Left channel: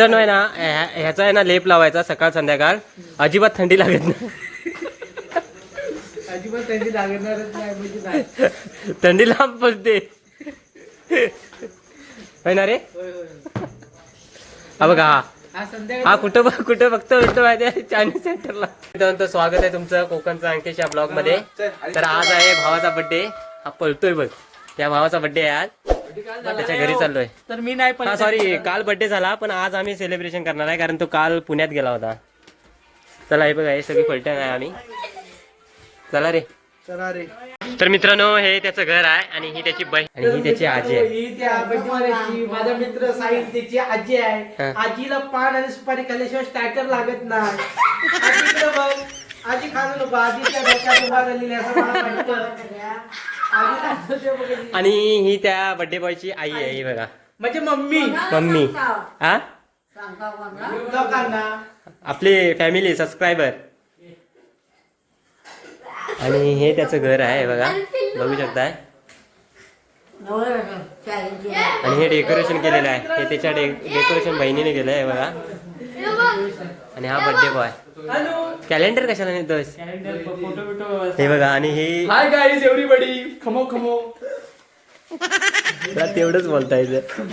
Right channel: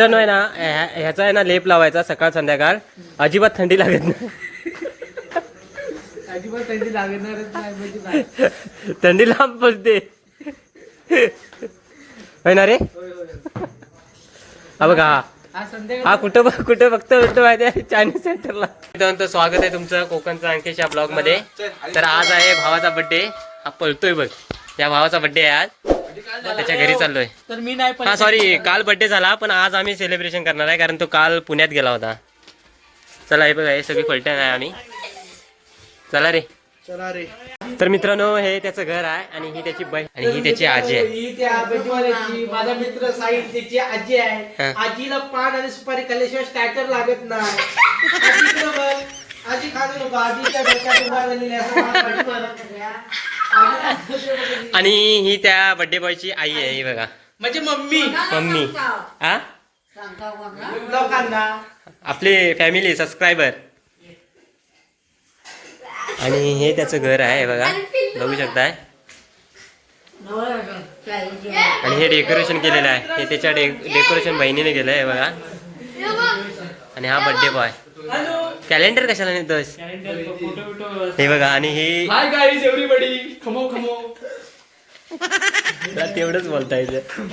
मित्रांनो आहे ना ह्या- ह्याचा आहे ना लेप लावायचा सकाळ संध्याकाळ. अजिबात थंडी लागत नाही. अजिबात थंडी लागणारच नाही म्हणजे. थंडी लांब बसते होय ना रे? होय, होय. हा बघा हा आज संध्याकाळी. हा कुठं बघ- कुठं बघतो कुठं माहिती आहे? चायनीज सेंटरला. मित्रांनो स्वागत आहे तुमचं कोकणचं अंकेश या ब्लॉगमध्ये. तर आज आहे भावाचा बर्थडे हा पळतोय बघ. या भावाचा बर्थडे आहे आज. त्याच्या घरी चाललोय. तर मी नाही हा सॉरी काल बर्थडे झाला पण आज आम्ही सेलिब्रेशन करणार आहे कारण तो काल पुण्यात गेला होता. चला हे बघा हे सगळी फलटण आहे आम्ही. चला रे. चला रे. तर मित्रांनो हे त्याचं घर आहे आणि ही त्याची बहीण आणि ही त्याची आजी आहे. ही त्या माझा मित्र साईड त्याची आजी आहे. हा. आजीला पान आणि सुपारी खाल्ल्याशिवाय स्टार्टर लागत नाही. आजी खाऊ नको आजीच्या डोक्यात उभा राहिलेली आहे असं मला वाटतं. आणि ही त्या बर्थडे बॉयची आई आहे ही बघा. म्हणजे मम्मी. मम्मी. हा? आपले फॅमिली सबस्क्रायबर आणि हे त्याचं घर आहे बघा. बघू शकताय? आणि हे डेकोरेशन केलेलं आहे. हे त्याच्या डेकोरेशन बहिणीने केलं आहे बघा. आणि हा बर्थडे बॉय कॅलेंडर कशाला नेतोस? हे बघा आणि हे हाय गाईज एव्हरीबडी खमो खमो. तुला तेवढंच बोलता येतं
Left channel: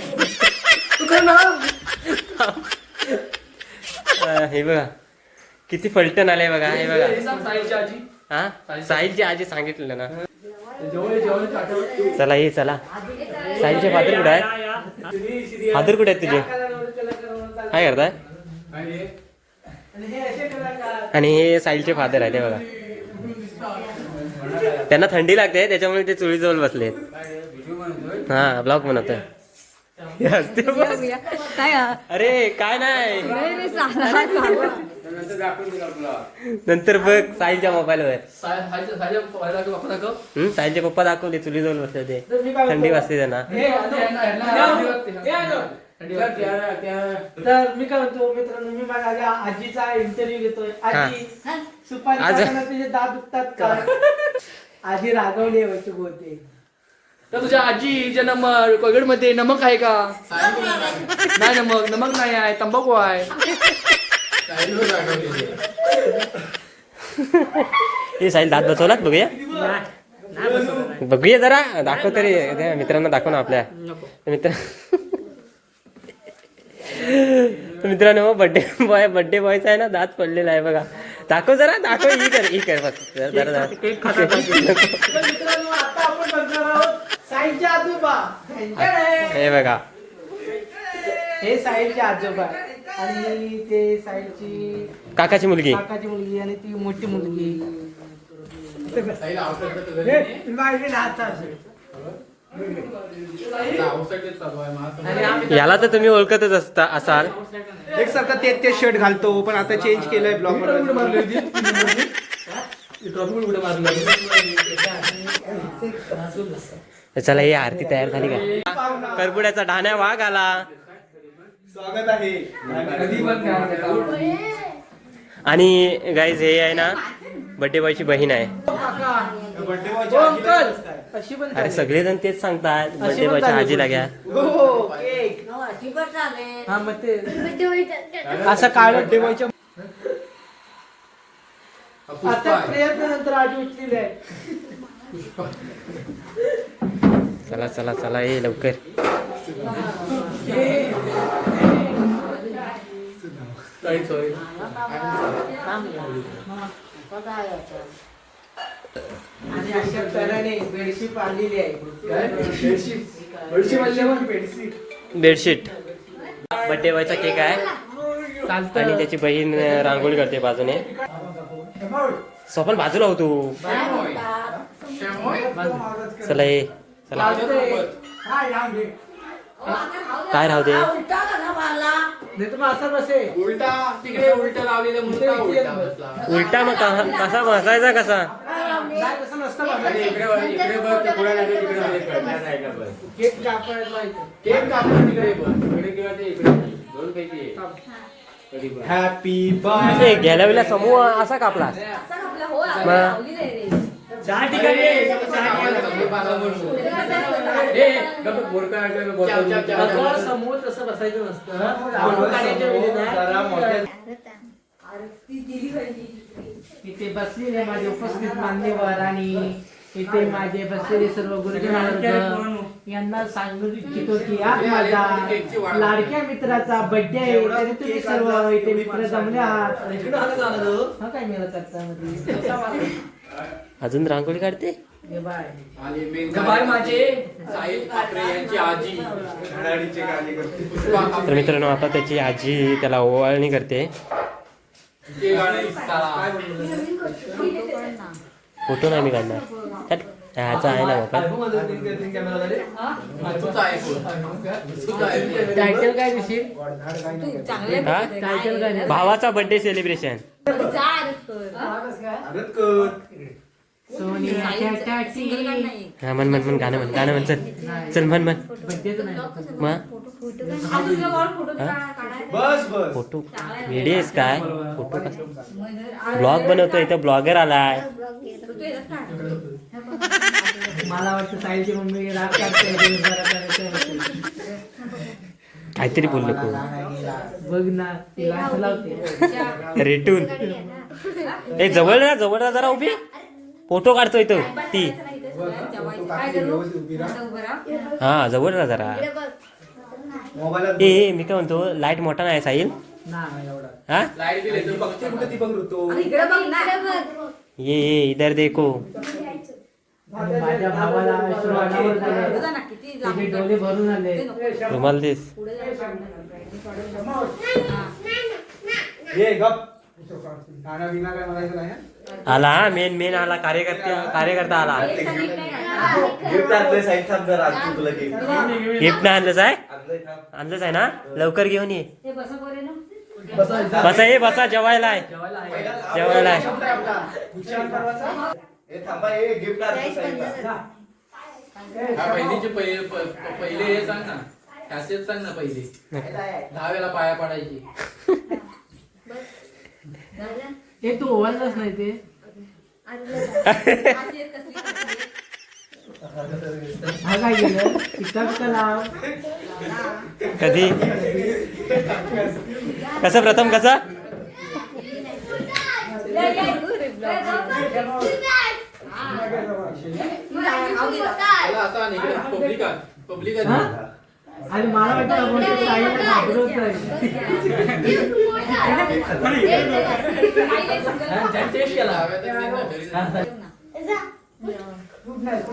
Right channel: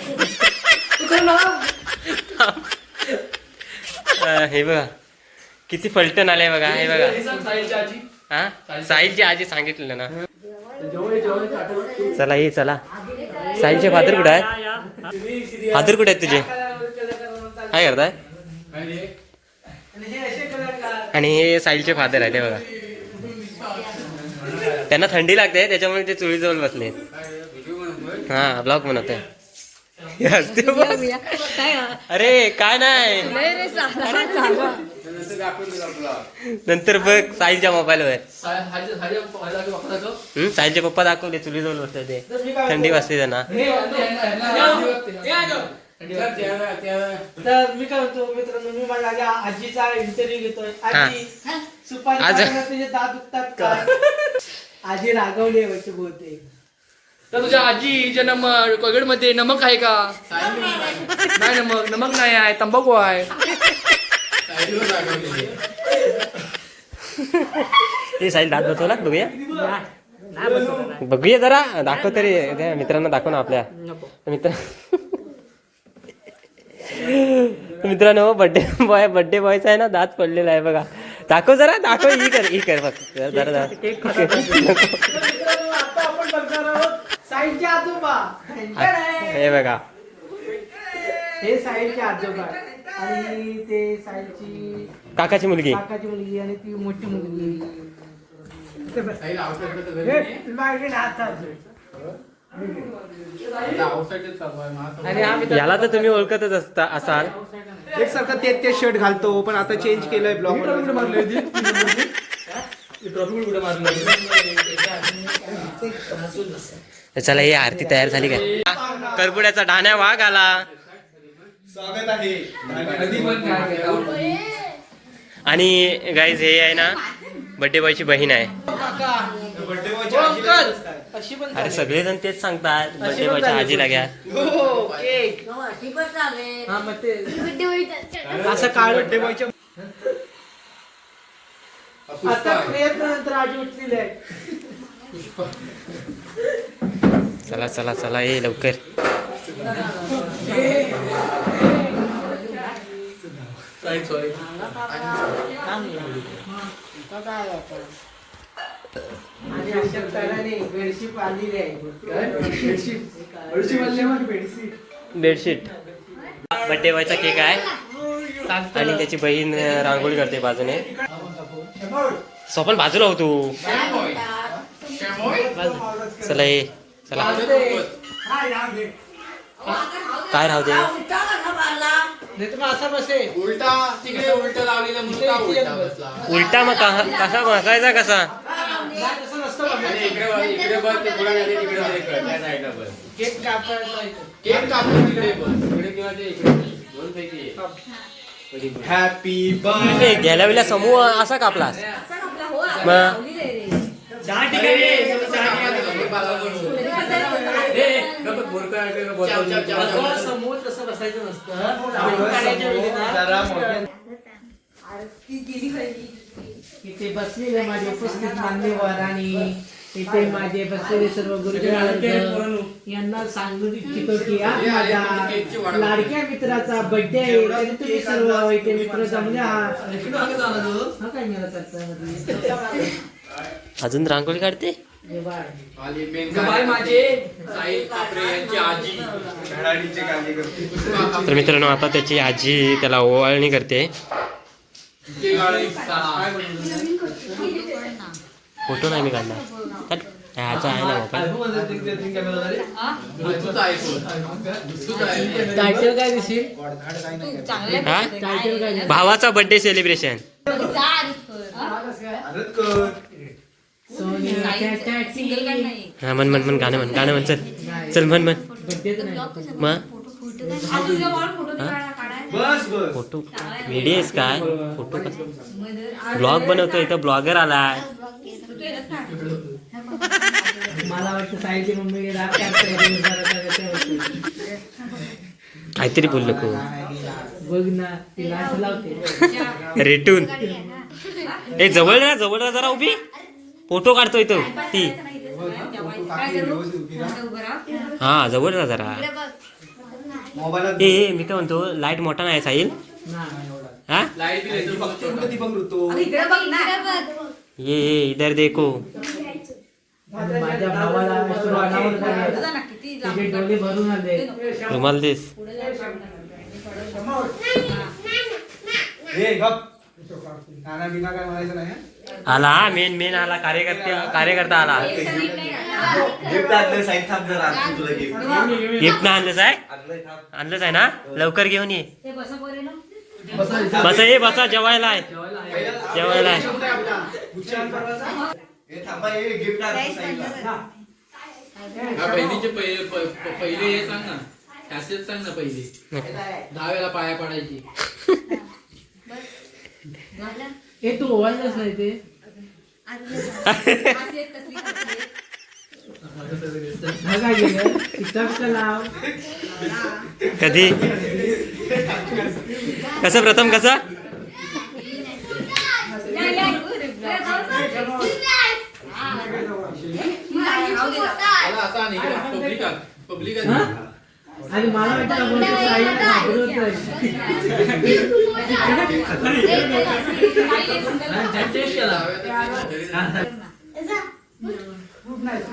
हे बघा. किती फलटण आलंय बघा हे बघा. हा साहिलची आजी. सांगितलं ना. चला ये चला. साहिलचे फादर कुठे आहे फादर कुठे आहेत तुझे? काय करताय? आणि हे साहिलचे फादर आहे ते बघा. त्यांना थंडी लागते त्याच्यामुळे ते चुळीजवळ बसले. हा ब्लॉक म्हणत आहे अरे काय नाही. नंतर बघ साईलच्या मोबाईलवर. वर साईलचे पप्पा दाखवले चुलीजवळ बसले ते. थंडी वाजते त्यांना. तर मी काय म्हणतो मित्रांनो मी माझ्या आजीचा इंटरव्ह्यू घेतोय. आजी सुपारी आज- खाताना तुझे दात दुखतात का? आजी रागवली आहे वाटतं बहुतेक. तर तुझ्या आजी जन्म कोविडमध्ये नमक आहे का? नाही. नमक नमक नाही आहे तंबाखू आहे. ते साहिल दात बसवलात? बघूया. बघूया जरा दाखव तरी त्या मित्रांना दाखव ना आपल्या. मित्र मित्रांनो बर्थडे बॉय बर्थडे बॉयचा आहे ना दात पडलेला आहे बघा. दाखव जरा दाखव ही कर ही कर फक्त. जरा जरा मित्रांनो आता आपण बघणार आहोत साईडचे आजोबा. हे बघा. हे साईडचे आजोबा. आणि ते साईडची काकाची मुलगी. काकाची मुलगी आणि ती मोठी मुलगी. याला तर तुम्ही ओळखतच असता असाल. एक सारखा तेच तेच शर्ट घालतो पण आता चेंज केलंय ब्लॉग चला ही आरती तयार झाली काय? करबुड्याचा ढाण्या वाघ आला. आणि गाईज हे आहे ना बर्थडे बॉयची बहीण आहे. अरे सगळेजण तेच सांगतात. बर्थडे बॉयच्या आजीला घ्या. हो हा असं काळ आता प्रयत्न नंतर आजी उठलेली आहे. चला चला चला ये लवकर. आणि अशा तऱ्हेने बेडशीट आलेली आहे. बेडशीट? बर्थडे बॉयचा केक आहे. आणि त्याची बहीण रांगोळी करते बाजूने. स्वपन बाजूला होतो चला ये. चला. काय राहू दे? नाही तर मग असं बसे उलटा तिकडे उलटा लावलेला मुलगा उलटा बसला उलटा मग का- कसा बसायचा कसा नाही तसं नसतं बघा. आणि इकडे बघ, इकडे बघ ते पुढे नाही तिकडे बघ, इकडे त्या साईडला बघ. केक कापायला इथं. केक कापून तिकडे बघ इकडे किंवा ते इकडे बघ. दोन पैकी एक. कधी बघ. ए, गेल्या वेळेला समूह असा कापलास मग दहा ठिकाणी आहे, ठिकाणी. असं समोर तसं बसायचं नसतं. बसलेले माझे उपस्थित मान्यवर आणि इथे माझे बसलेले सर्व गुरुजी वर्ग यांना सांगू इच्छितो की आज माझ्या लाडक्या मित्राचा बर्थडे आहे तरी तुम्ही सर्व इथे मित्र जमले आहात. हा काय मिळत आता मध्ये अजून रांगोळी काढते? तर मित्रांनो आता त्याची आजी त्याला ओवाळणी करते. फोटो नाही मी काढणार. ह्याचा आहे ना हा? दिसेल? भावाचा बर्थडे सेलिब्रेशन हा म्हण म्हण म्हण गाणं म्हण गाणं म्हण चल. चल म्हण म्हण. मग फोटो व्हिडिओ आहेस काय? फोटो ब्लॉग बनवतोय इथं ब्लॉगर आलाय. काहीतरी बोललो को रेटून. ए जवळ ना जवळ ना जरा उभी. फोटो काढतोय तो. ती. हा जवळ ना जरा. ए मी काय म्हणतो लाइट मोठा नाही साहिल? हा. ये ये इधर देखो. रुमाल देस आला हा? मेन मेन आला कार्यकर्ते कार्यकर्ता आला। गिफ्ट ना आणलंच आहे? आणलंच आहे ना? लवकर घेऊन ये। बसा ये बसा जेवायला आहे. जेवायला आहे. पहिले हे सांग ना. सांग ना पहिले. दहा वेळा पाया पडायची. हे तू ओवाळलंच नाही ते कधी कसं प्रथम कसं पब्लिक पब्लिक? आहे. आणि मला वाटतं आहे.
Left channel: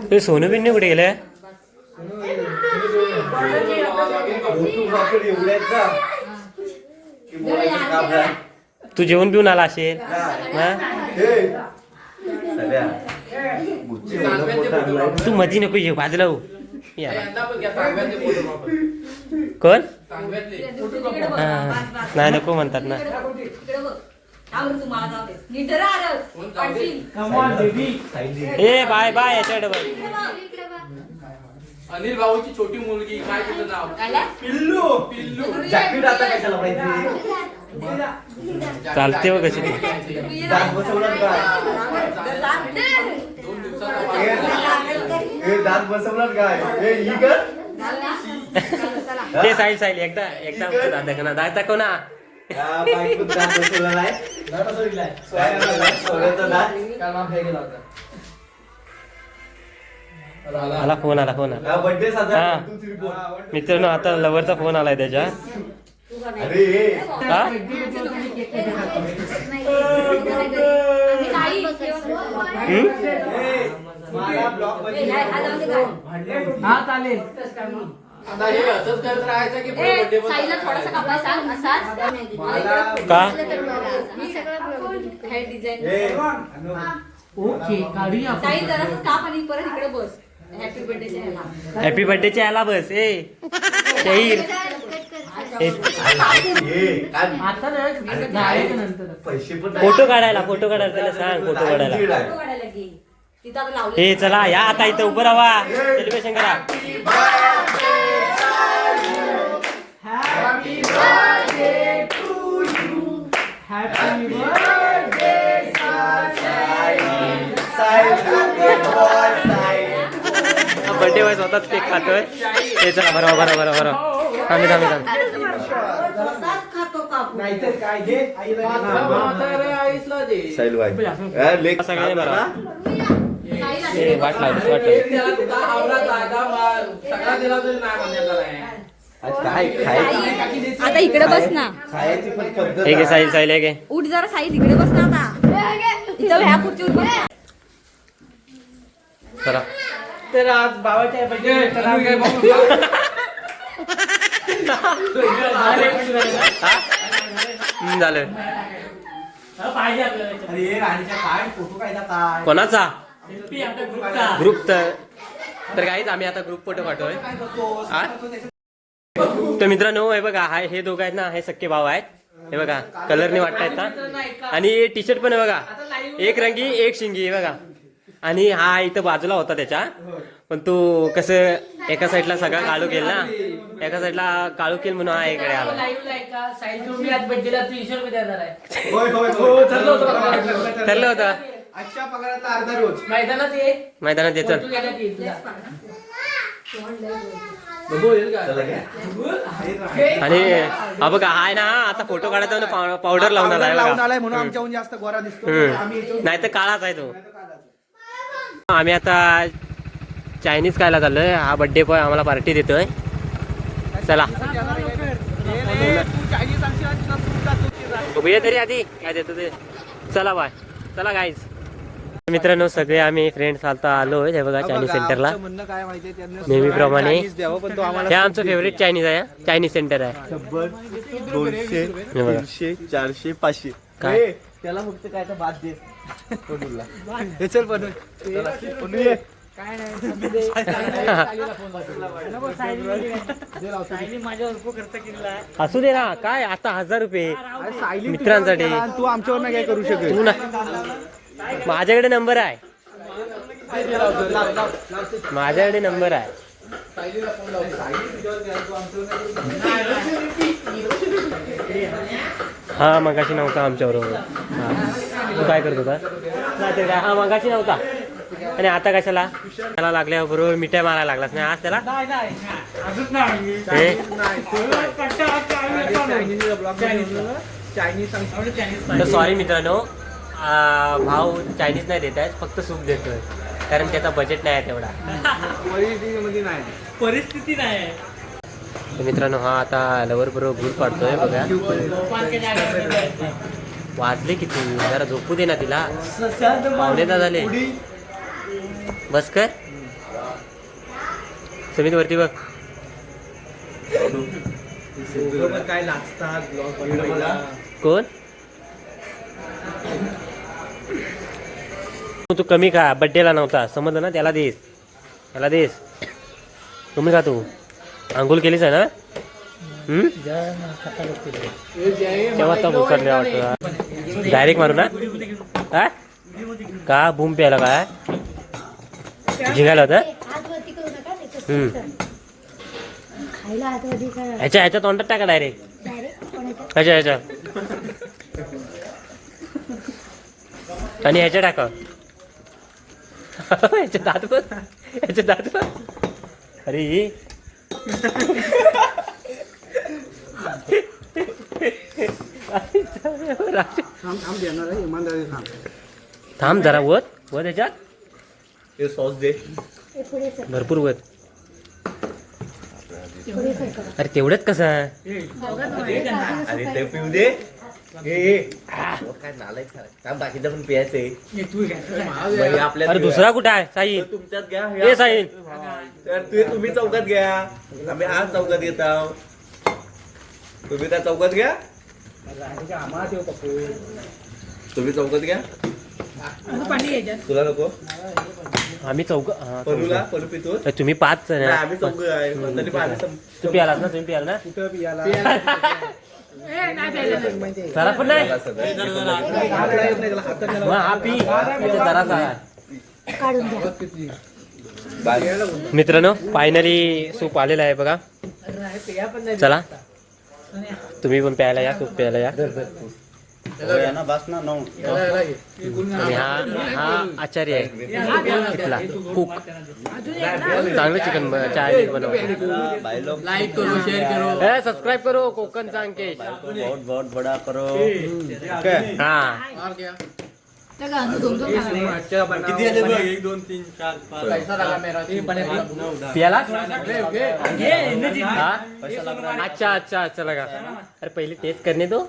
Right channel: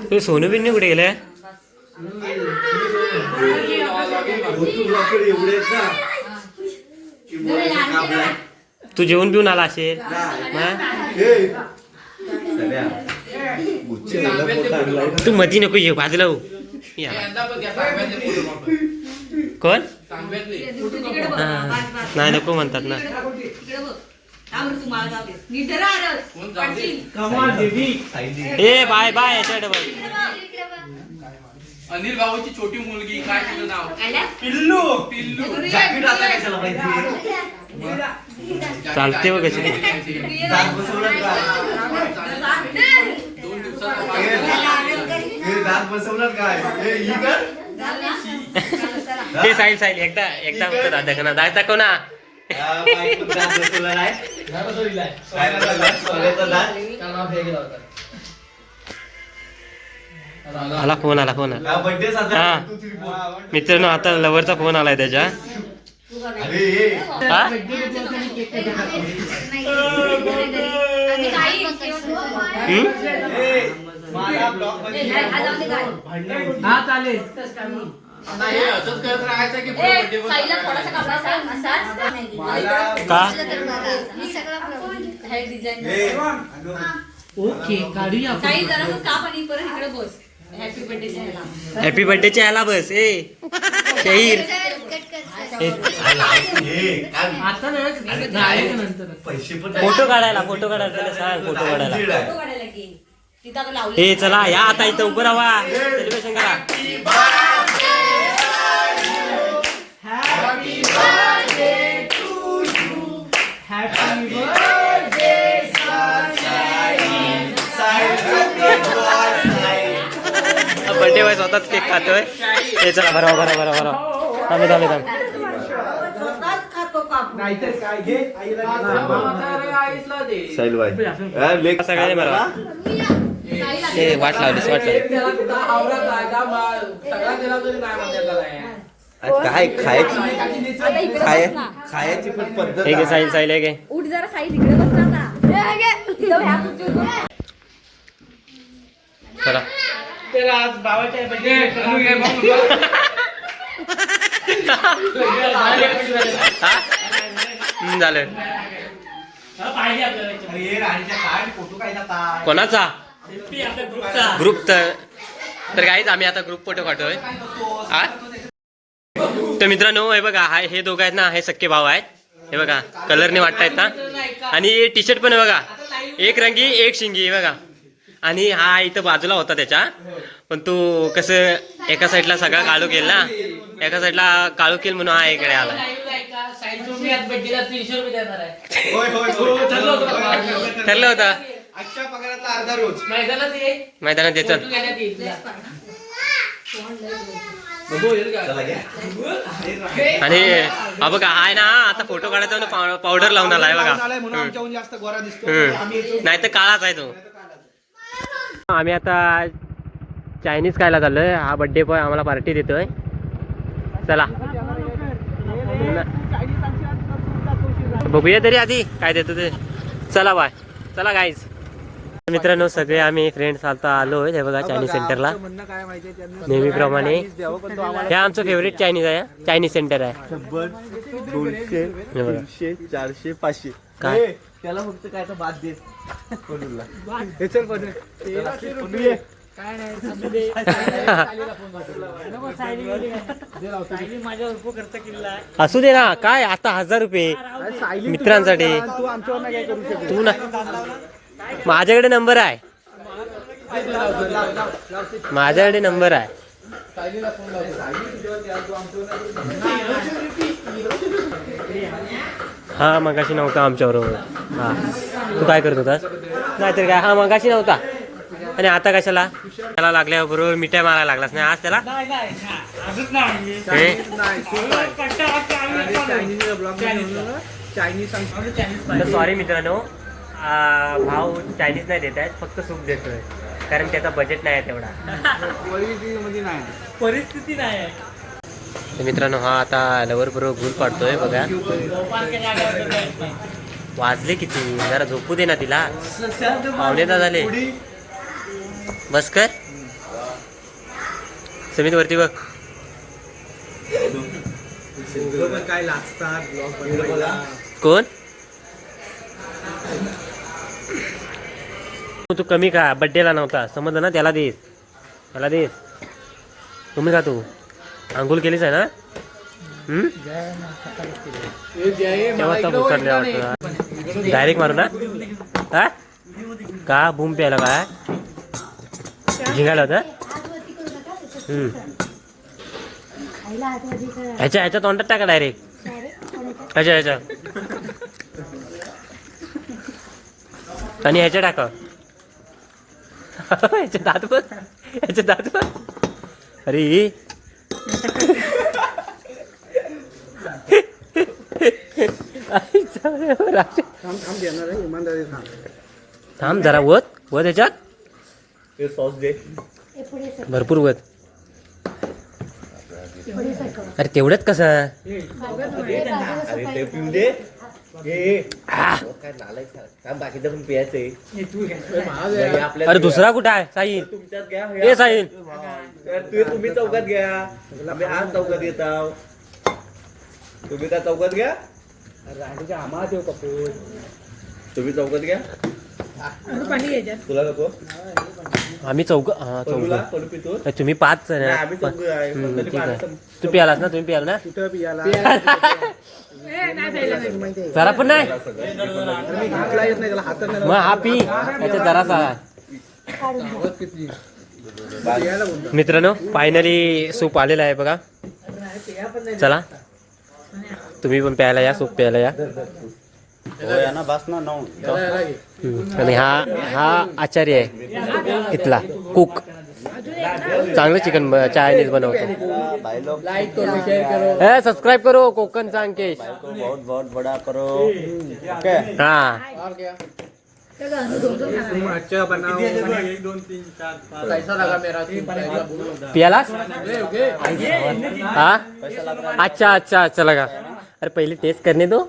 ते सोनू बिन्नू कुठे गेले तू जेवण पिऊन आला असेल. हा? तू मधी नको ये बाजूला हो. या. कोण. नाही नको म्हणतात ना. ए बाय बाय बघ. अनिल भाऊची छोटी मुलगी काय तिचं नाव? पिल्लू. पिल्लू. जॅकेट आता कशाला पाहिजे? चालते बघ कशी. दोन दिवसाचा पाया. हे दात बसवलं काय हे ही कर ते साईल साईल एकदा एकदा होतं दादा का ना दाखव दात बसवला नाही? काय बसवलं? सोन्याचा दात आला फोन आला फोन आला हा बर्थडे साजरा हा. तू तरी बोल. मित्रांनो आता लवरचा फोन आलाय त्याच्या अरे हे. हा? हम्म? हे. हा चालेल अगं, ओके काढूया. हॅपी बर्थडेच्या याला बस. ए. शहीर. फोटो काढायला फोटो काढायला सांग फोटो काढायला. ए चला या आता इथं उभं राहा. सेलिब्रेशन करा हॅपी बर्थडे बर्थडे बॉय स्वतःच केक खातोय. ते चला बरोबर बरोबर बरोबर बरोबर थांबे थांबे थांब. सगळ्यांनी बरोबर ए वाट लावलीस वाट लावली हे. काय खायची? आता इकडे बस ना. खायची पण पद्धत हे घे साहिल साहिल हे घे. उठ जरा इकडे बस ना आता. चला. तर आज. हा? झालं. कोणाचा? ग्रुप तर तर काहीच आम्ही आता ग्रुप फोटो काढतोय. तर मित्रांनो हे बघा हा हे दोघं आहेत ना हे सख्खे भाव आहेत. हे बघा कलरने वाटतायत ना. आणि टी शर्ट पण आहे बघा. एक रंगी एक शिंगी बघा. आणि हा इथं बाजूला होता त्याच्या. पण तू कसं एका साईडला सगळा काळू केल ना. एका साईडला काळू केल म्हणून हा इकडे आला. ठरलं होतं. ठरलं होतं आजच्या पगाराचा अर्धा रोज. मैदानात ये. मैदानात ये चल. फोटो घेण्यात येईल तुला. बघू येईल का? आणि हा बघा हा आहे ना आता फोटो काढायचा ना पाव- पावडर लावून आलाय बघा. आलाय म्हणून हम्म. आमच्याहून जास्त गोरा दिसतो. आम्ही हम्म. येतो नाही तर काळाच आहे तो. आम्ही आता चायनीज खायला चाललोय. हा बर्थडे बॉय आम्हाला पार्टी देतोय. चला. बघूया तरी आधी काय देतो ते. चला बाय. चला गाईज मित्रांनो सगळे आम्ही फ्रेंड्स आता आलोय हे बघा चायनीज सेंटरला म्हणणं काय माहितीये त्यांना नेहमीप्रमाणे हे आमचं फेवरेट चायनीज आहे चायनीज सेंटर आहे. दोनशे. तीनशे चारशे पाचशे. काय? त्याला फक्त काय तर बाद. असू दे ना काय आता हजार रुपये मित्रांसाठी. तू आमच्यावर काय करू शकत तू ना. माझ्याकडे नंबर आहे. माझ्याकडे नंबर आहे. हा मगाशी नव्हता आमच्याबरोबर हा. तू काय करत होतास नाहीतर काय? हा मगाशी नव्हता. आणि आता कशाला? त्याला लागल्याबरोबर मिठाई मारायला लागलास नाही आज त्याला? नाही नाही. अजून नाही हे? सॉरी मित्रांनो. आ, भाव चायनीज नाही देत आहेत फक्त सूप देतोय. कारण त्याचा बजेट नाही आहे तेवढा. नाही परिस्थिती नाही तर मित्रांनो हा आता लवर बरोबर गुल पाडतोय बघा. वाजले किती? जरा झोपू दे ना तिला. पावणे दहा झाले. बस कर समित वरती बघ. काय लागतात? मला कोण? तू कमी खा बड्डेला नव्हता समजलं ना? त्याला देस. त्याला देस. कमी खा तू. आंघोळ केलीच आहे ना? तेव्हा तर उचलले वाटतं? डायरेक्ट मारू ना? हा? का? बूम प्यायला काय? झिंगायला होता? हम्म. ह्याच्या ह्याच्या तोंडात टाका डायरेक्ट ह्याच्या ह्याच्या. आणि ह्याच्या टाका. ह्याच्या दात पण ह्याच्या दात अरे. थांब जरा वत. वत ह्याच्यात हे सॉस दे. भरपूर वत. अरे तेवढंच कसं? अरे ते पिऊ दे. हे काय नालायक काम बाकीचं पण प्यायचंय अरे दुसरा कुठं आहे? साई तुमच्यात घ्या ए साईन तर ते तुम्ही चौकात घ्या. आम्ही आज चौकात घेत आहोत. तुम्ही त्या चौकात घ्या. तुम्ही चौकात घ्या. तुला नको. आम्ही चौक हा, पितो तर तुम्ही पाच जण नाही, आहे. आम्ही. पाहिलं. तू पियालास ना? तुम्ही पियाल ना? कुठं पियाला? जरा पण नाही? मग हा पी. याच्यात जरासा मित्रांनो फायनली सूप आलेला आहे बघा. चला. तुम्ही पण प्यायला या सूप प्यायला या. आणि हा हा आचार्य आहे इथला कुक चांगलं चिकन चायनीज बनवतो. सबस्क्राईब करो कोकण अंकेश बहुत बहुत बड़ा करो. ओके हा पियाला हा अच्छा अच्छा अच्छा लगा। अरे पहले टेस्ट करने दो.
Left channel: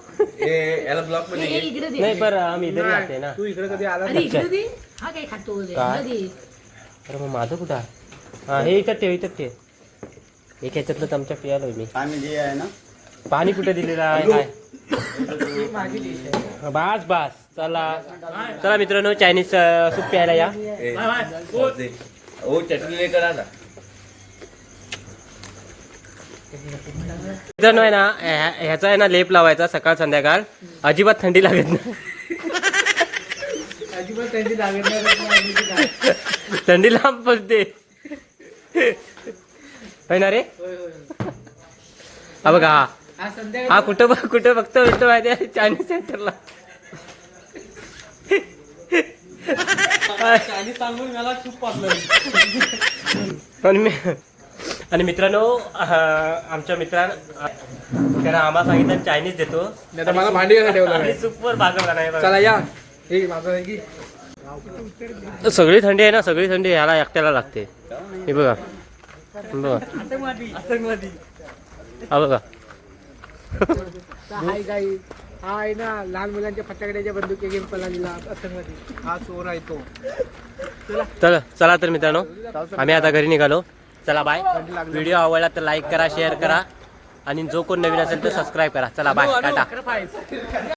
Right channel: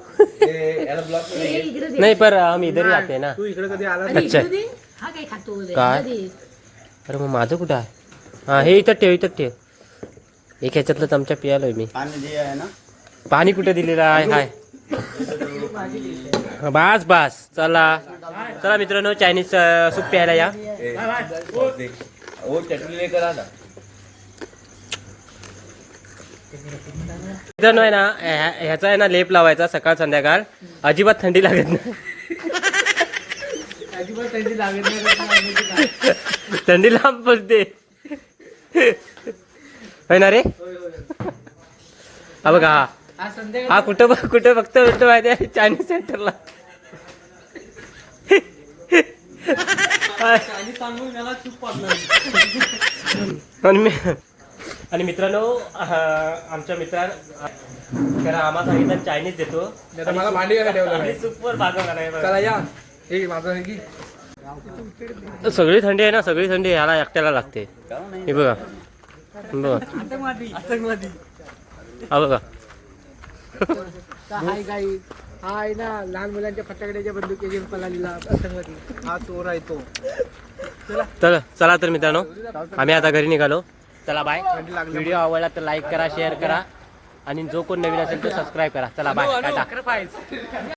नहीं पर हम इधर ही आते हैं ना। अरे अच्छा. हा काय. अरे मग माझं कुठं हा हे इथं ठेव इथं ठेव. एक ह्याच्यातलं चमचा पियालोय मी. पाणी जे आहे ना? पाणी कुठे दिलेलं आहे? काय बास बास. चला. चला मित्रांनो चायनीज सूप प्यायला या. मित्रांनो आहे ना ह्या- ह्याचा आहे ना लेप लावायचा सकाळ संध्याकाळ. अजिबात थंडी लागत नाही. अजिबात थंडी लागत नाही लांब बसते होय ना रे? हा बघा हा. हा कुठं बघ कुठं बघतो भेटतो माहिती आहे चायनीज सेंटरला आणि मी- आणि मित्रांनो आमच्या मित्रां त्याला आम्हाला सांगितलं चायनीज देतो. आणि नाही. की सगळी थंडी आहे ना सगळी थंडी ह्याला एकट्याला लागते. हे बघा. बघा. हा बघा. हाय गाई हा ना लहान मुलांच्या फटाकड्याच्या बंदुकी घेऊन हा चोर आहे तो चला चला तर मित्रांनो आम्ही आता घरी निघालो चला बाय व्हिडिओ आवडला तर लाईक करा शेअर करा आणि जो कोण नवीन असेल तो सबस्क्राईब करा चला बाय टाटा